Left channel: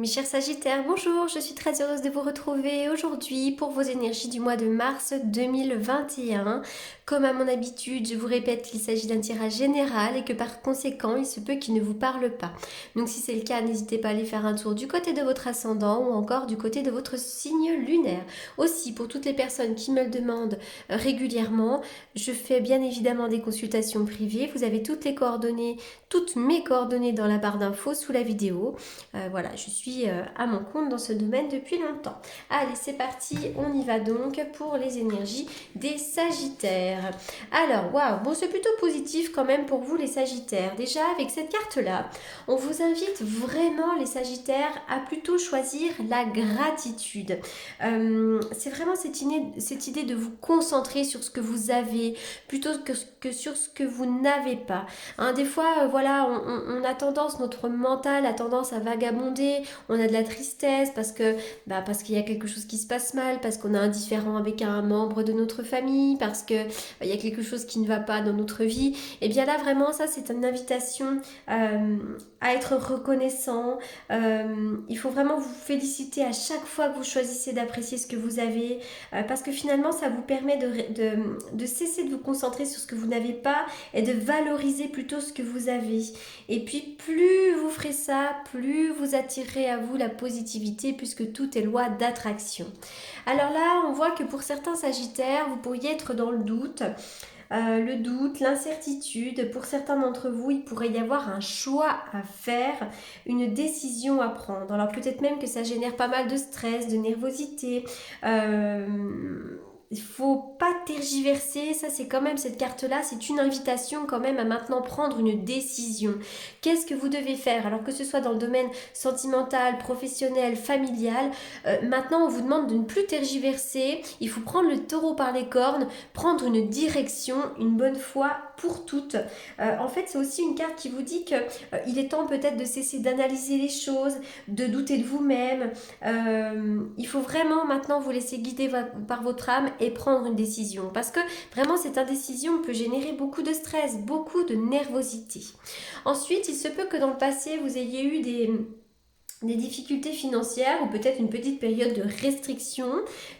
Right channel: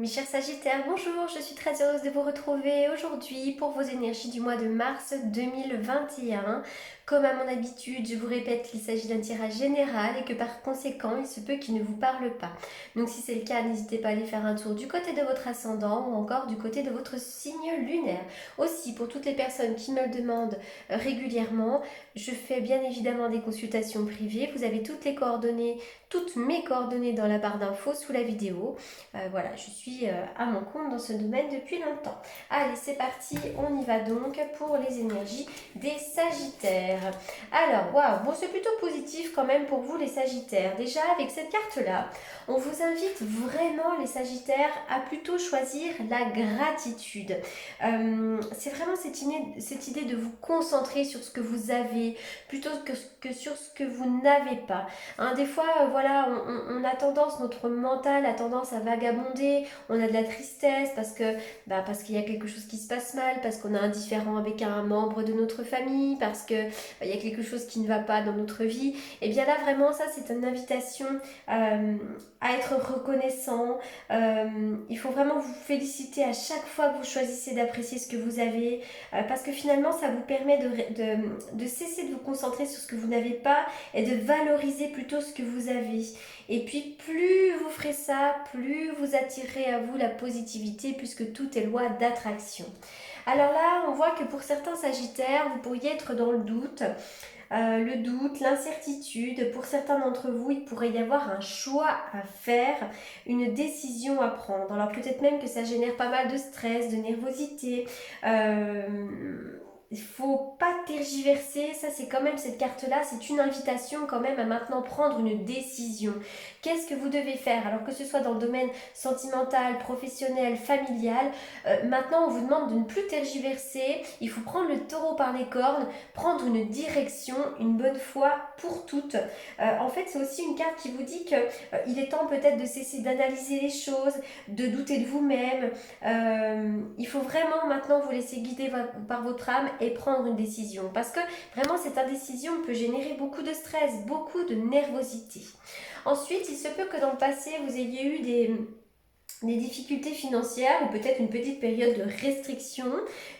Mes chers Sagittaires, bonjour, je suis très heureuse de vous retrouver aujourd'hui pour vos énergies du mois de mars 2021. Comme à mon habitude, je vous répète qu'il s'agit d'un tirage général et que par conséquent, il se peut qu'il ne vous parle pas. Donc si c'est le cas, n'hésitez pas à aller faire un tour du côté de votre ascendant ou encore du côté de votre signe lunaire. Aussi, pour toutes les personnes qui me le demandent régulièrement, je fais bien évidemment des consultations privées. Vous avez toutes mes coordonnées dans la barre d'infos sous la vidéo. Voilà, je suis à mon compte dans ce domaine depuis longtemps. Allez, c'est parti, on y va donc pour les énergies des Sagittaires. Alors, waouh, bon, c'est plutôt positif quand même pour vous les Sagittaires. Déjà, avec cette carte-là, on vous invite vraiment les Sagittaires à plutôt choisir la gratitude. C'est vraiment cette idée de vous concentrer sur ce que vous avez plutôt que sur ce que vous n'avez pas. Hein, des fois, voilà, on a tendance, notre mental a tendance à vagabonder, on a de la tristesse parce qu'il y a quelque chose qui se passe mal, parce qu'on a un différend avec un membre de notre famille, parce que il y a quelque chose qui ne va pas dans notre vie. Et bien là, vraiment, ça, c'est une invitation à être reconnaissant. Il faut vraiment vous féliciter à chaque fois que vous choisissez d'apprécier ce que vous avez, parce que finalement, ça vous permet de cesser de vous concentrer sur ce que vous n'avez pas et de valoriser plutôt ce que vous avez. Et puis plus vous ferez ça, plus vous attirerez à vous la positivité puisque tout est loi d'attraction. Alors là, on voit que pour certains Sagittaires, vous pourriez être dans le doute, l'incertitude. Pour certains d'entre vous, il pourrait y avoir un choix à faire, une décision à prendre. Alors peut-être même que ça génère pas mal de stress, de nervosité. Il ne faut pas tergiverser, ça c'est quand même cette carte-là, c'est une invitation quand même à maintenant prendre une décision. Qu'est-ce que vous devez faire? Alors que ce soit dans le domaine sentimental, professionnel, familial, maintenant on vous demande de ne plus tergiverser, il faut prendre le taureau par les cornes, prendre une direction, une bonne fois pour toutes. En fait c'est aussi une carte qui vous dit qu'il est temps peut-être de cesser d'analyser les choses, de douter de vous-même. Il faut vraiment maintenant vous laisser guider par votre âme et prendre une décision. Parce que vraiment, cette indécision peut générer beaucoup de stress, beaucoup de nervosité. Ensuite, il se peut que dans le passé, vous ayez eu des difficultés financières ou peut-être une petite période de restriction.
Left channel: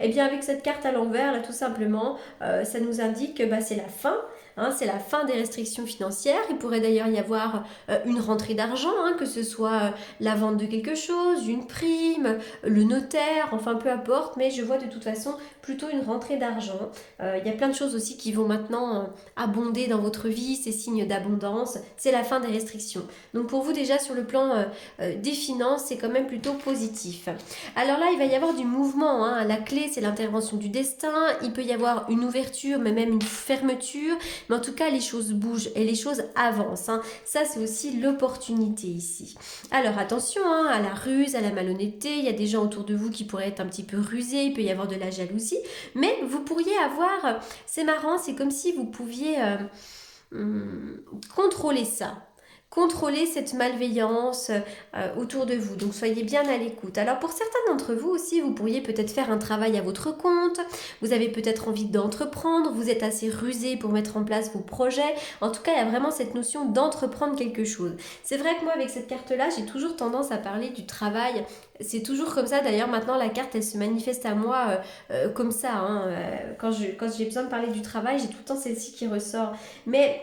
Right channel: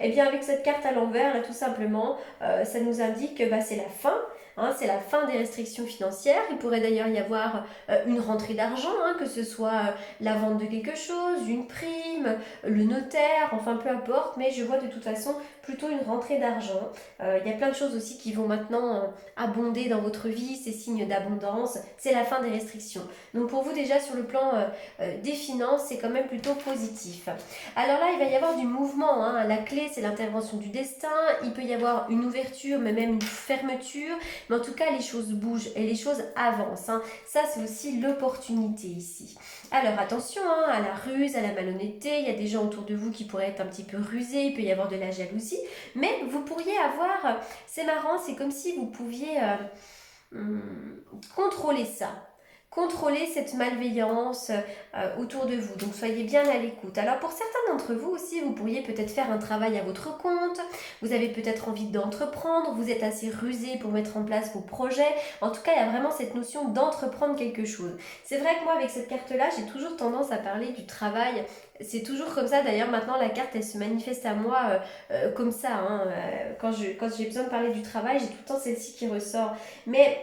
Et bien avec cette carte à l'envers, là tout simplement, ça nous indique que c'est la fin. Hein, c'est la fin des restrictions financières. Il pourrait d'ailleurs y avoir une rentrée d'argent, hein, que ce soit la vente de quelque chose, une prime, le notaire, enfin peu importe, mais je vois de toute façon plutôt une rentrée d'argent. Il y a plein de choses aussi qui vont maintenant abonder dans votre vie, ces signes d'abondance. C'est la fin des restrictions. Donc pour vous déjà sur le plan des finances, c'est quand même plutôt positif. Alors là, il va y avoir du mouvement. Hein. La clé, c'est l'intervention du destin. Il peut y avoir une ouverture, mais même une fermeture. Mais en tout cas, les choses bougent et les choses avancent. Hein. Ça, c'est aussi l'opportunité ici. Alors attention à la ruse, à la malhonnêteté. Il y a des gens autour de vous qui pourraient être un petit peu rusés. Il peut y avoir de la jalousie. Mais vous pourriez avoir... C'est marrant, c'est comme si vous pouviez contrôler ça. Contrôler cette malveillance autour de vous. Donc soyez bien à l'écoute. Alors pour certains d'entre vous aussi, vous pourriez peut-être faire un travail à votre compte. Vous avez peut-être envie d'entreprendre. Vous êtes assez rusé pour mettre en place vos projets. En tout cas, il y a vraiment cette notion d'entreprendre quelque chose. C'est vrai que moi, avec cette carte-là, j'ai toujours tendance à parler du travail. C'est toujours comme ça. D'ailleurs, maintenant, la carte, elle se manifeste à moi comme ça. Hein. Quand j'ai besoin de parler du travail, j'ai tout le temps celle-ci qui ressort. Mais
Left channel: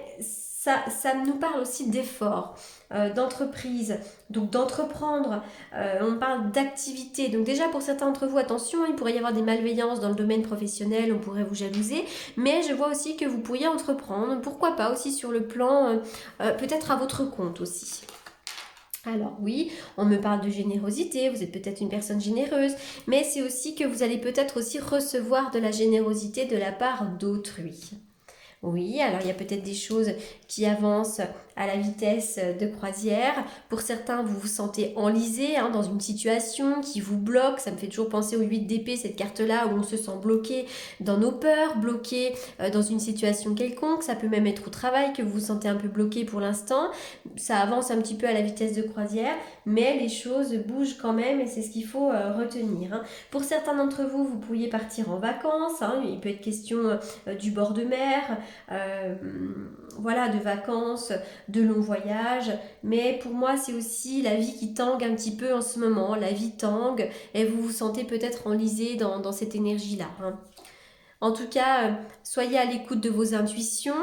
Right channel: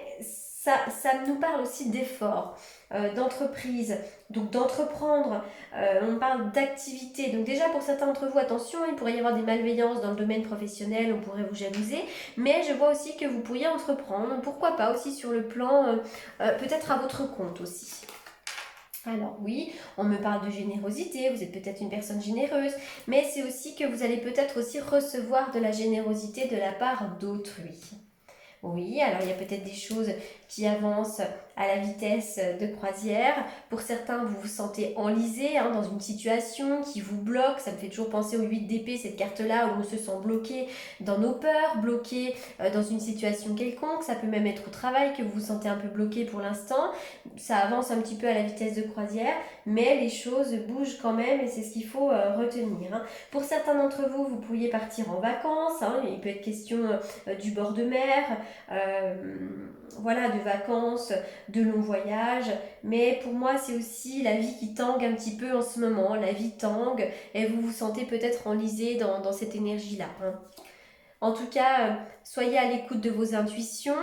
ça nous parle aussi d'effort, d'entreprise, donc d'entreprendre. On parle d'activité. Donc déjà pour certains d'entre vous, attention, il pourrait y avoir des malveillances dans le domaine professionnel, on pourrait vous jalouser, mais je vois aussi que vous pourriez entreprendre, pourquoi pas aussi sur le plan, peut-être à votre compte aussi. Alors oui, on me parle de générosité, vous êtes peut-être une personne généreuse, mais c'est aussi que vous allez peut-être aussi recevoir de la générosité de la part d'autrui. Oui, alors il y a peut-être des choses qui avancent à la vitesse de croisière. Pour certains, vous vous sentez enlisé dans une situation qui vous bloque. Ça me fait toujours penser au 8 d'épée, cette carte-là, où on se sent bloqué dans nos peurs, bloqué dans une situation quelconque. Ça peut même être au travail que vous vous sentez un peu bloqué pour l'instant. Ça avance un petit peu à la vitesse de croisière, mais les choses bougent quand même et c'est ce qu'il faut retenir. Pour certains d'entre vous, vous pourriez partir en vacances. Il peut être question du bord de mer, voilà, de vacances de longs voyages, mais pour moi c'est aussi la vie qui tangue un petit peu en ce moment, la vie tangue et vous vous sentez peut-être enlisé dans cette énergie-là, hein. En tout cas, soyez à l'écoute de vos intuitions,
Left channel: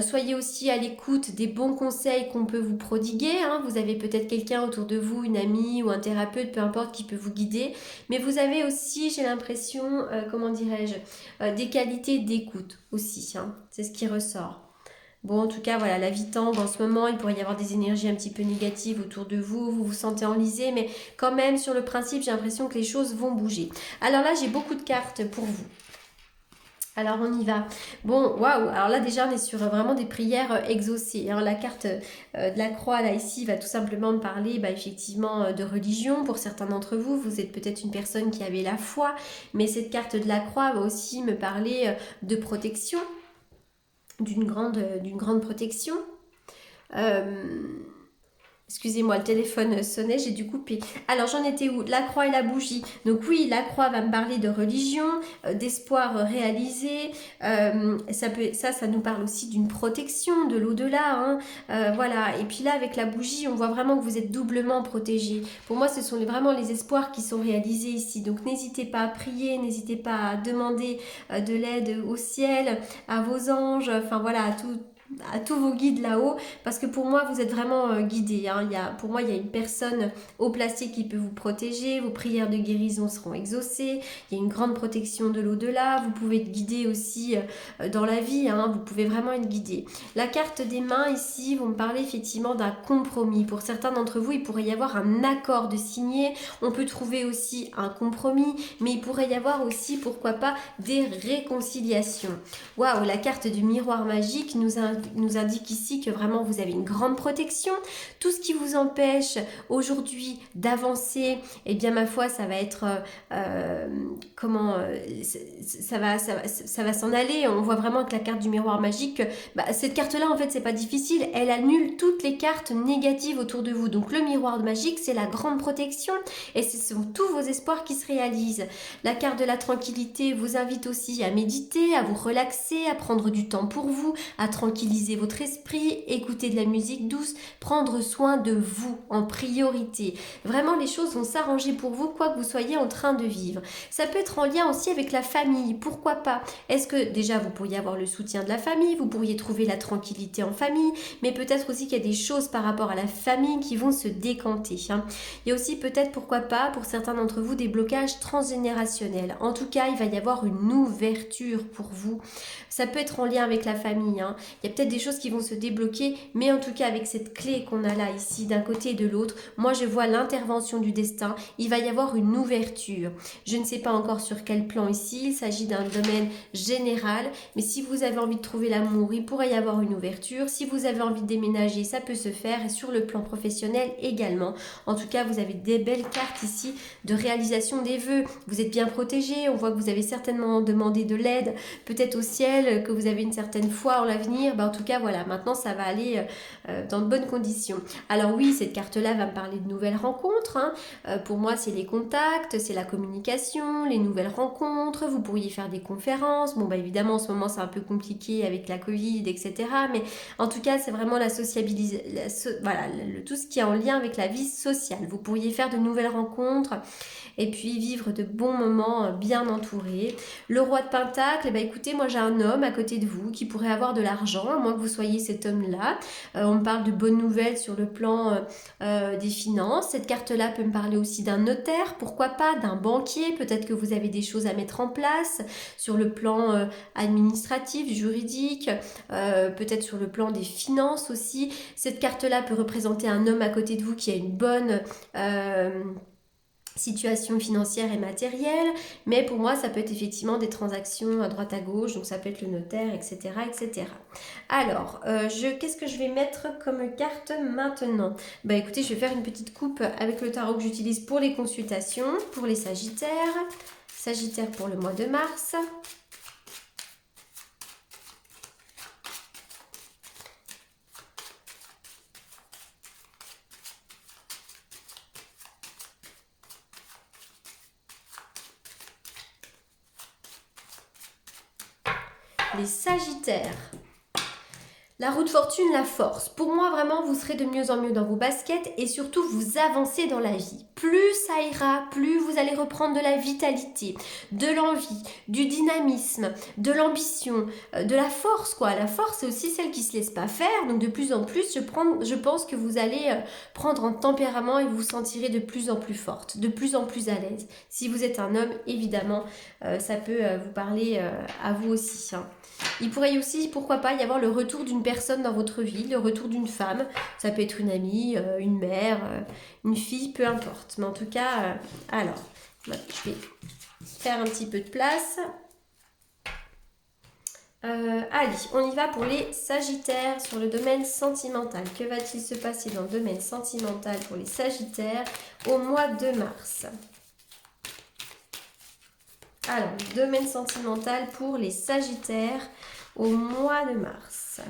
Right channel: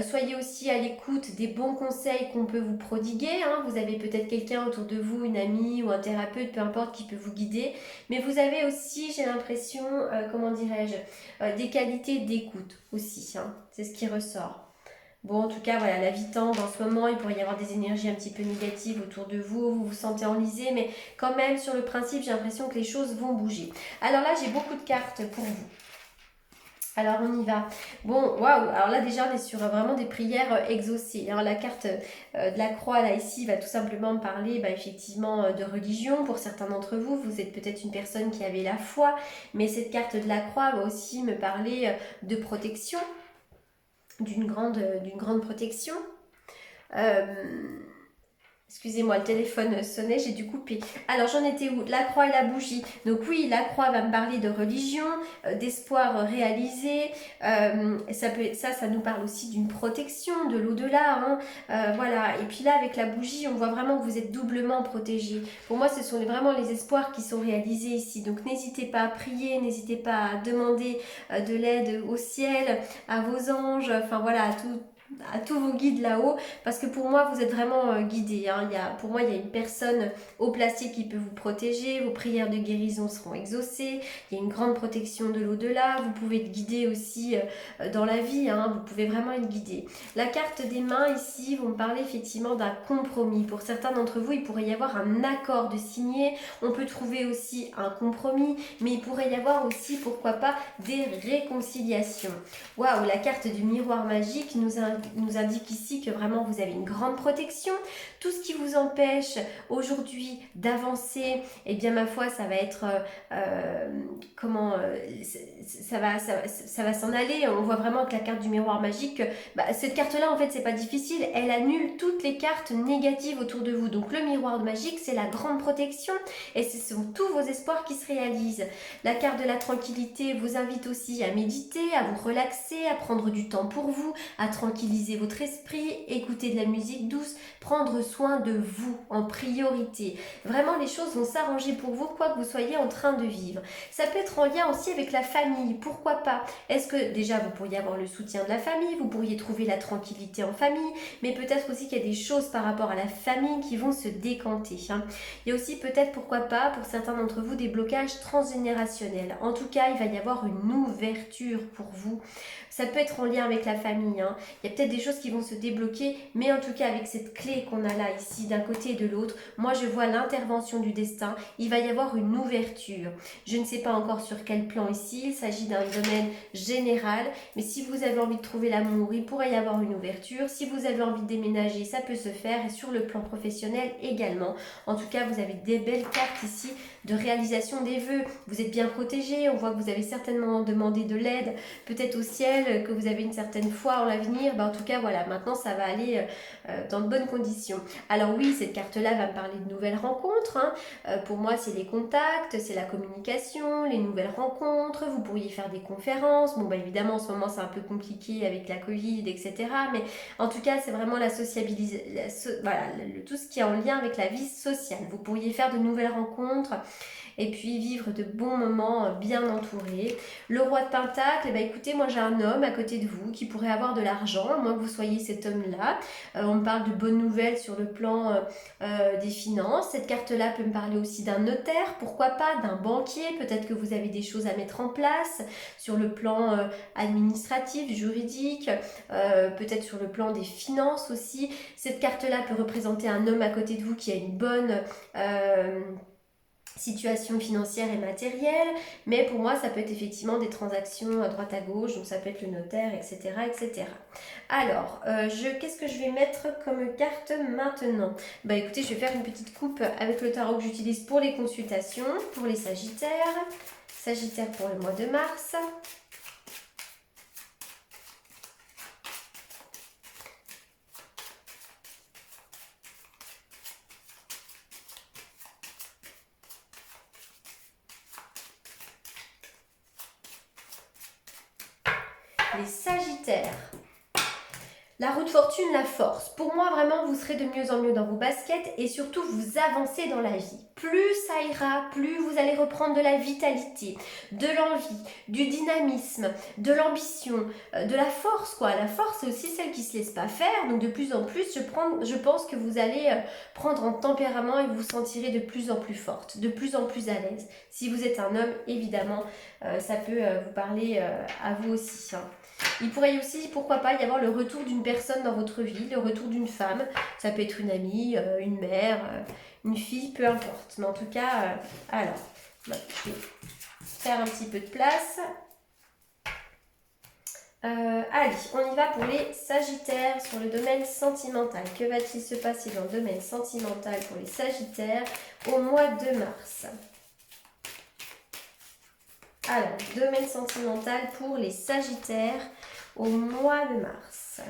soyez aussi à l'écoute des bons conseils qu'on peut vous prodiguer, hein. Vous avez peut-être quelqu'un autour de vous, une amie ou un thérapeute, peu importe, qui peut vous guider. Mais vous avez aussi, j'ai l'impression, comment dirais-je, des qualités d'écoute aussi, hein. C'est ce qui ressort. Bon, en tout cas, voilà, la vie tangue en ce moment, il pourrait y avoir des énergies un petit peu négatives autour de vous, vous vous sentez enlisé, mais quand même, sur le principe, j'ai l'impression que les choses vont bouger. Alors là, j'ai beaucoup de cartes pour vous. Alors on y va. Bon, waouh, alors là déjà on est sur vraiment des prières exaucées. Alors la carte de la croix là ici va tout simplement me parler effectivement de religion. Pour certains d'entre vous, vous êtes peut-être une personne qui avait la foi, mais cette carte de la croix va aussi me parler de protection, d'une grande protection. Euh, Excusez-moi, le téléphone sonnait, j'ai dû couper. Alors j'en étais où? La croix et la bougie. Donc oui, la croix va me parler de religion, d'espoir réalisé. Ça nous parle aussi d'une protection, de l'au-delà, hein. Voilà. Et puis là, avec la bougie, on voit vraiment que vous êtes doublement protégé. Pour moi, ce sont vraiment les espoirs qui sont réalisés ici. Donc n'hésitez pas à prier, n'hésitez pas à demander de l'aide au ciel, à vos anges, enfin voilà, à tous vos guides là-haut, parce que pour moi vous êtes vraiment guidés, hein. Pour moi il y a une personne haut placée qui peut vous protéger, vos prières de guérison seront exaucées, il y a une grande protection de l'au-delà, vous pouvez être guidé aussi dans la vie, hein. Vous pouvez vraiment être guidé. La carte des mains ici vont me parler effectivement d'un compromis. Pour certains d'entre vous il pourrait y avoir un accord de signer, on peut trouver aussi un compromis, mais il pourrait y avoir aussi pourquoi pas des réconciliations. Waouh, la carte du miroir magique nous indique ici que vraiment vous avez une grande protection. Tout ce qui vous empêche aujourd'hui d'avancer, eh bien ma foi, ça va être ça va s'en aller. On voit vraiment que la carte du miroir magique, cette carte-là en fait c'est pas difficile, elle annule toutes les cartes négatives autour de vous. Donc le miroir magique c'est la grande protection et ce sont tous vos espoirs qui se réalisent. La carte de la tranquillité vous invite aussi à méditer, à vous relaxer, à prendre du temps pour vous, à tranquilliser votre esprit, écouter de la musique douce, prendre soin de vous en priorité. Vraiment, les choses vont s'arranger pour vous, quoi que vous soyez en train de vivre. Ça peut être en lien aussi avec la famille, pourquoi pas? Est-ce que déjà vous pourriez avoir le soutien de la famille, vous pourriez trouver la tranquillité en famille, mais peut-être aussi qu'il y a des choses par rapport à la famille qui vont se décanter, hein. Il y a aussi peut-être, pourquoi pas, pour certains d'entre vous, des blocages transgénérationnels. En tout cas, il va y avoir une ouverture pour vous. Ça peut être en lien avec la famille, hein. Il y a peut-être des choses qui vont se débloquer, mais en tout cas avec cette clé qu'on a là ici d'un côté et de l'autre, moi je vois l'intervention du destin. Il va y avoir une ouverture. Je ne sais pas encore sur quel plan ici, il s'agit d'un domaine général, mais si vous avez envie de trouver l'amour, il pourrait y avoir une ouverture. Si vous avez envie de déménager, ça peut se faire, et sur le plan professionnel également. En tout cas, vous avez des belles cartes ici de réalisation des vœux. Vous êtes bien protégé, on voit que vous avez certainement demandé de l'aide, peut-être au ciel, que vous avez une certaine foi en l'avenir. En tout cas, voilà, maintenant ça va aller dans de bonnes conditions. Alors oui, cette carte-là va me parler de nouvelles rencontres, hein. Pour moi, c'est les contacts, c'est la communication, les nouvelles rencontres. Vous pourriez faire des conférences. Bon, évidemment, en ce moment, c'est un peu compliqué avec la Covid, etc. Mais en tout cas, c'est vraiment la sociabilisation, voilà, tout ce qui est en lien avec la vie sociale. Vous pourriez faire de nouvelles rencontres et puis vivre de bons moments bien entourés. Le roi de Pentacle, écoutez, moi j'ai un homme à côté de vous qui pourrait avoir de l'argent, à moins que vous soyez cet homme-là. On me parle de bonnes nouvelles sur le plan des finances. Cette carte-là peut me parler aussi d'un notaire, pourquoi pas, d'un banquier. Peut-être que vous avez des choses à mettre en place sur le plan administratif, juridique, peut-être sur le plan des finances aussi. Cette carte-là peut représenter un homme à côté de vous qui a une bonne situation financière et matérielle, mais pour moi ça peut être effectivement des transactions à droite à gauche, donc ça peut être le notaire, etc. etc. Alors, qu'est-ce que je vais mettre comme carte maintenant? Écoutez, je vais faire une petite coupe avec le tarot que j'utilise pour les consultations, pour les Sagittaires. Sagittaire pour le mois de mars. Les Sagittaires. La roue de fortune, la force. Pour moi, vraiment, vous serez de mieux en mieux dans vos baskets et surtout, vous avancez dans la vie. Plus ça ira, plus vous allez reprendre de la vitalité, de l'envie, du dynamisme, de l'ambition, de la force, quoi. La force, c'est aussi celle qui ne se laisse pas faire. Donc, de plus en plus, je pense que vous allez prendre en tempérament et vous vous sentirez de plus en plus forte, de plus en plus à l'aise. Si vous êtes un homme, évidemment, ça peut vous parler à vous aussi, hein. Il pourrait aussi, pourquoi pas, y avoir le retour d'une personne dans votre vie, le retour d'une femme. Ça peut être une amie, une mère, une fille, peu importe. Mais en tout cas, alors, je vais faire un petit peu de place. Allez, on y va pour les Sagittaires sur le domaine sentimental. Que va-t-il se passer dans le domaine sentimental pour les Sagittaires au mois de mars? Alors, domaine sentimental pour les Sagittaires au mois de mars.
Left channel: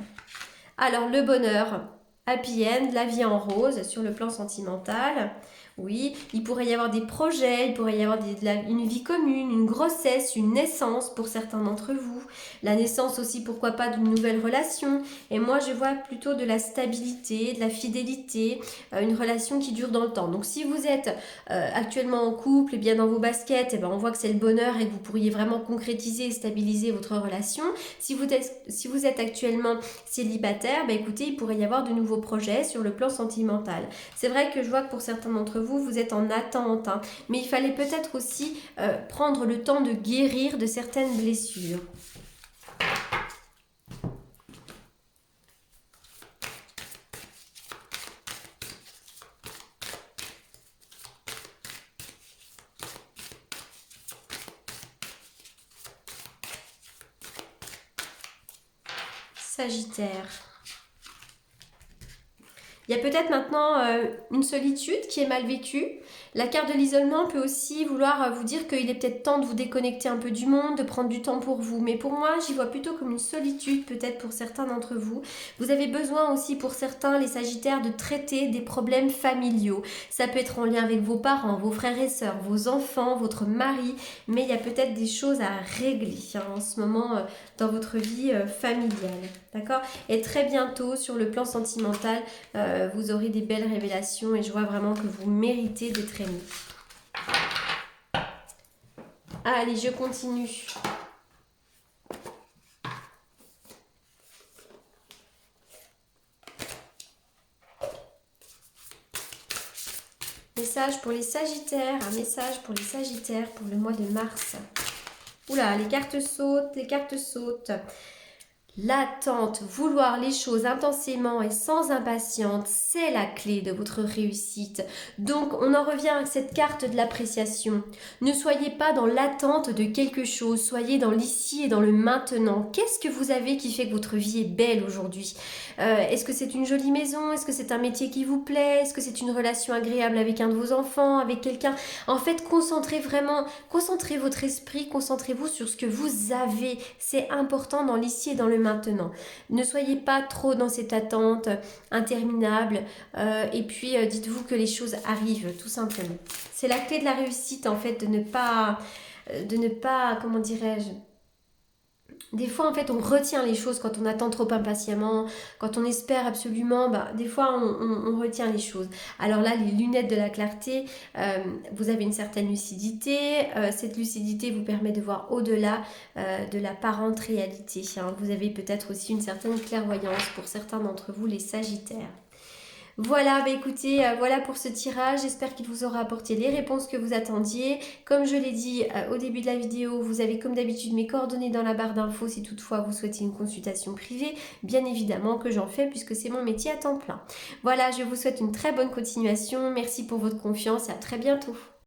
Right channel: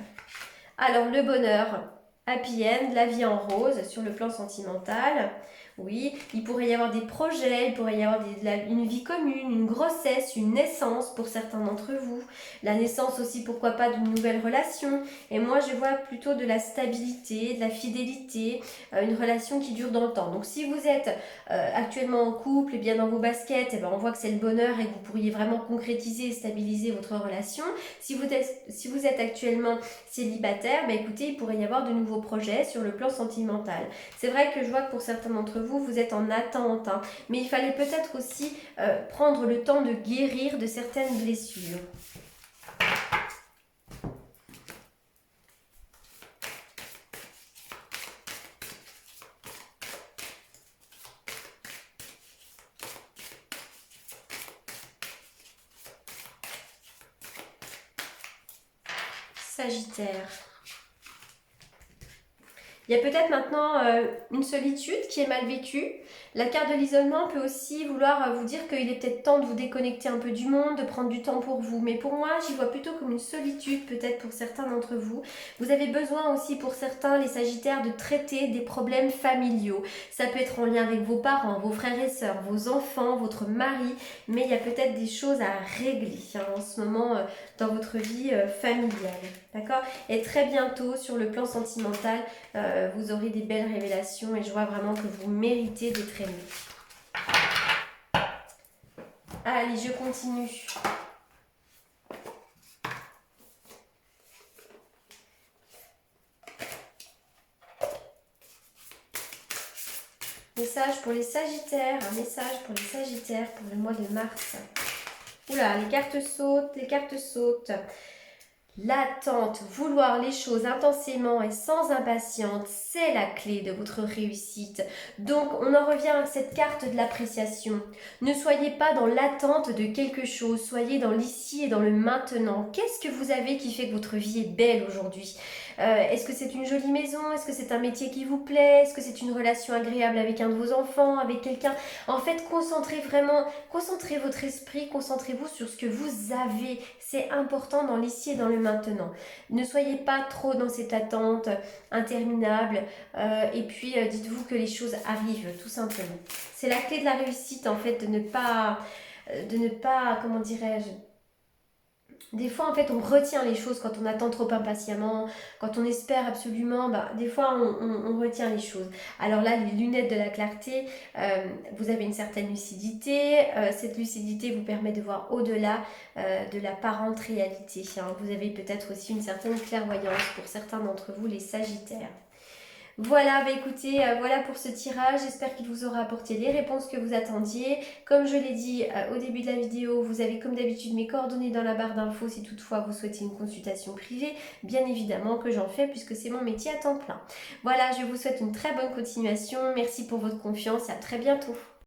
Alors, le bonheur, happy end, la vie en rose sur le plan sentimental. Oui, il pourrait y avoir des projets, il pourrait y avoir une vie commune, une grossesse, une naissance pour certains d'entre vous. La naissance aussi, pourquoi pas, d'une nouvelle relation. Et moi, je vois plutôt de la stabilité, de la fidélité, une relation qui dure dans le temps. Donc, si vous êtes actuellement en couple et bien dans vos baskets, on voit que c'est le bonheur et que vous pourriez vraiment concrétiser et stabiliser votre relation. Si vous êtes actuellement célibataire, écoutez, il pourrait y avoir de nouveaux projets sur le plan sentimental. C'est vrai que je vois que pour certains d'entre vous, vous êtes en attente, hein, mais il fallait peut-être aussi prendre le temps de guérir de certaines blessures. Sagittaire. Il y a peut-être maintenant une solitude qui est mal vécue. La carte de l'isolement peut aussi vouloir vous dire qu'il est peut-être temps de vous déconnecter un peu du monde, de prendre du temps pour vous. Mais pour moi, j'y vois plutôt comme une solitude, peut-être pour certains d'entre vous. Vous avez besoin aussi pour certains, les Sagittaires, de traiter des problèmes familiaux. Ça peut être en lien avec vos parents, vos frères et sœurs, vos enfants, votre mari. Mais il y a peut-être des choses à régler en ce moment dans votre vie familiale. D'accord? Et très bientôt, sur le plan sentimental, vous aurez des belles révélations et je vois vraiment que vous méritez d'être aimé. Allez, je continue. Message pour les Sagittaires, un message pour les Sagittaires pour le mois de mars. Oula, les cartes sautent, les cartes sautent. L'attente, vouloir les choses intensément et sans impatience, c'est la clé de votre réussite. Donc, on en revient à cette carte de l'appréciation. Ne soyez pas dans l'attente de quelque chose, soyez dans l'ici et dans le maintenant. Qu'est-ce que vous avez qui fait que votre vie est belle aujourd'hui ? Est-ce que c'est une jolie maison ? Est-ce que c'est un métier qui vous plaît ? Est-ce que c'est une relation agréable avec un de vos enfants, avec quelqu'un ? En fait, concentrez votre esprit, concentrez-vous sur ce que vous avez. C'est important dans l'ici et dans le maintenant. Ne soyez pas trop dans cette attente interminable et puis dites-vous que les choses arrivent tout simplement. C'est la clé de la réussite en fait de ne pas, comment dirais-je, des fois, en fait, on retient les choses quand on attend trop impatiemment, quand on espère absolument, des fois, on retient les choses. Alors là, les lunettes de la clarté, vous avez une certaine lucidité. Cette lucidité vous permet de voir au-delà de l'apparente réalité. Vous avez peut-être aussi une certaine clairvoyance pour certains d'entre vous, les Sagittaires. Voilà, écoutez, voilà pour ce tirage. J'espère qu'il vous aura apporté les réponses que vous attendiez. Comme je l'ai dit au début de la vidéo, vous avez comme d'habitude mes coordonnées dans la barre d'infos si toutefois vous souhaitez une consultation privée. Bien évidemment que j'en fais puisque c'est mon métier à temps plein. Voilà, je vous souhaite une très bonne continuation. Merci pour votre confiance et à très bientôt.